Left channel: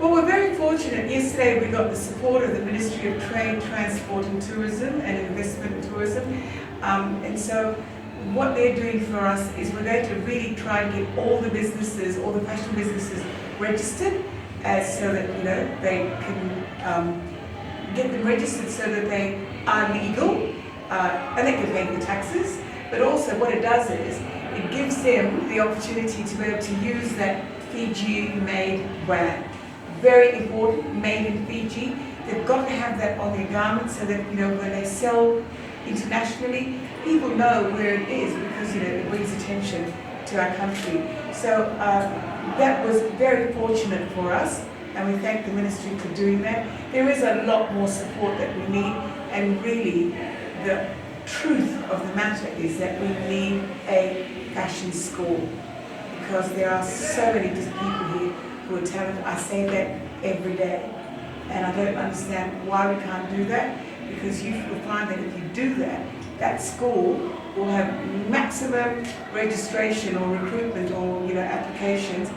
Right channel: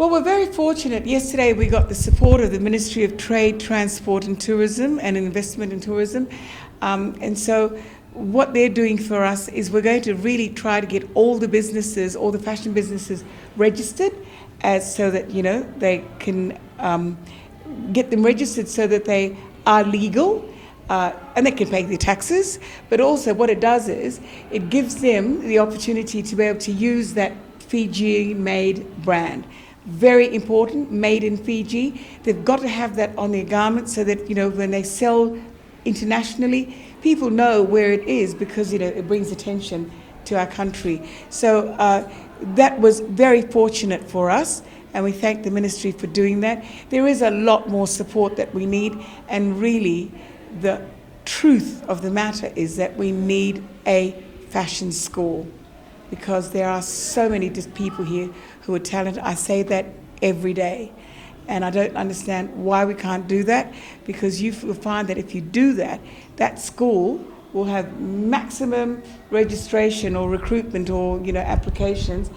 Well, we're very fortunate. Yesterday we got the support of the Ministry of Trade, Transport and Tourism and Investment and Tourism. And so what they're doing for us is we're going to really try to get all the businesses, all the fashion businesses registered so that, you know, they can get them registered so that they are legal and they can pay the taxes. But also what it does is it gives them the opportunity to be able to use that Fiji-made brand. Very important, made in Fiji. They've got to have that on their garments so that, you know, when they sell internationally, people know where it is because, you know, it brings attention to our country. So that was very fortunate for us, and we thank the ministry for doing that. There is a lot more support that we need, and really the truth of the matter is that we need a fashion school because there are so many people here who are talented. I say that every day, and I don't understand why we can't do that, because you'll find that if you do that, that school will have maximum registration or recruitment or, you know, applications,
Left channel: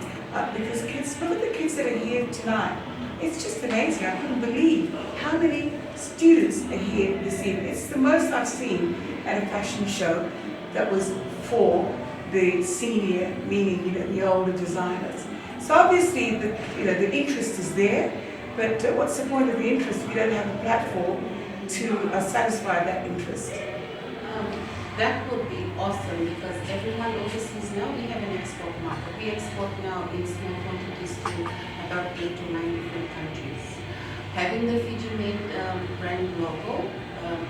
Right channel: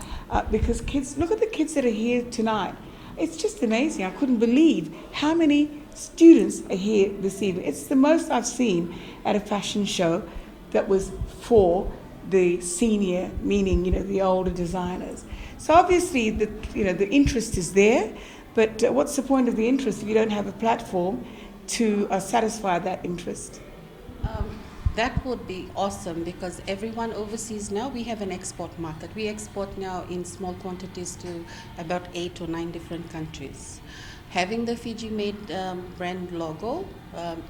because kids, look at the kids that are here tonight. It's just amazing. I couldn't believe how many students are here this evening. It's the most I've seen at a fashion show that was for the senior, meaning, you know, the older designers. So obviously the interest is there, but what's the point of the interest if you don't have a platform to satisfy that interest? That would be awesome, because everyone overseas now, we have an export market. We export now in small quantities to about 8 or 9 different countries. Having the Fiji-made brand logo,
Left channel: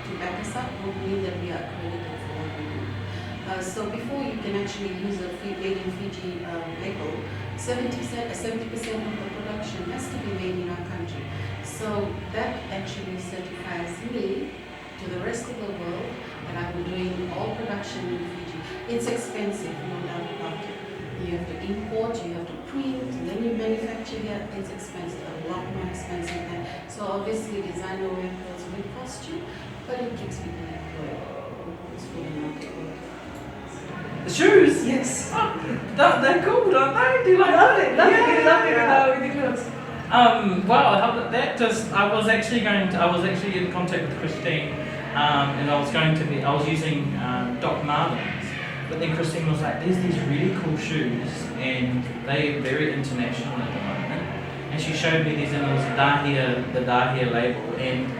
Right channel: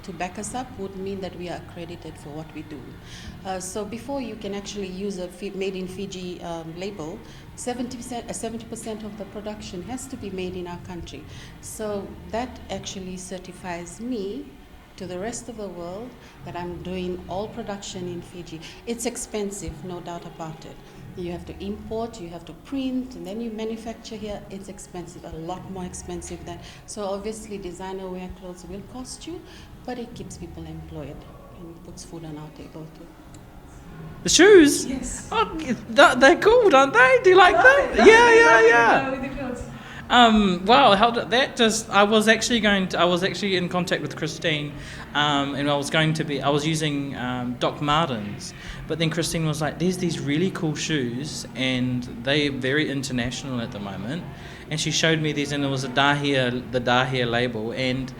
Tuibeqa would mean that we are accredited for what we do. So before you can actually use a made in Fiji label, 70% of the production has to be made in our country. So that actually certifies me to the rest of the world that I'm doing all production in Fiji. It's expensive, no doubt about it. You have to import, you have to print, and then you manufacture here. It's expensive, a lot more expensive than. So obviously designer wear clothes will cost you, but it keeps people employed. It puts food on our table. The shoes? Yes. Oh, they're cool, aren't they? Do you like that? Yeah. Wow, how did that just? I was actually in contact with Christine, and I was using Doc Martens, but then Christine was like, "There's these really cool shoes, and they're very international at the moment." And she showed me these, and it was the Dahir label, and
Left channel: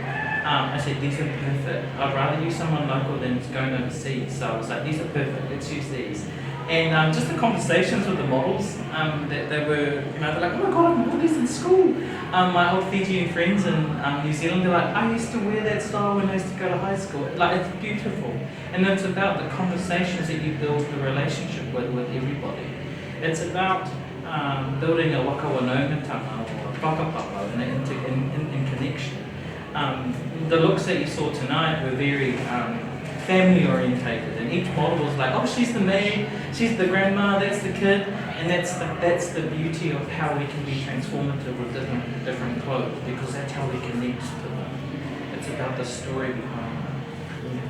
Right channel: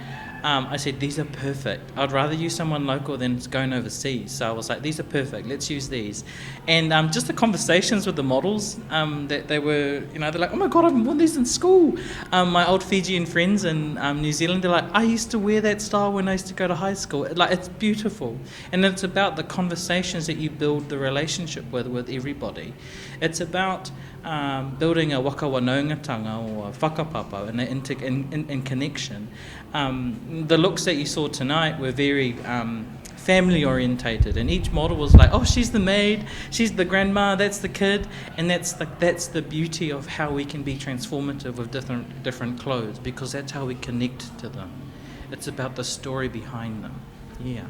I said, "These are perfect. I'd rather use someone local than going overseas." So I was like, "These are perfect. Let's use these." And just the conversations with the models, that they were, you know, they're like, "Oh my God, I've worn these in school." My old Fijian friends in New Zealand, they're like, "I used to wear that style when I used to go to high school." Like, it's beautiful. And it's about the conversations that you build the relationship with everybody. It's about building a wakawanongatanga or a whakapapa and connection. The looks that you saw tonight were very family orientated, and each model was like, "Oh, she's the maid, she's the grandma, that's the kid," and that's the beauty of how we can be transformative with different clothes, because that's how we connect to them. It's about the story behind them. Yeah.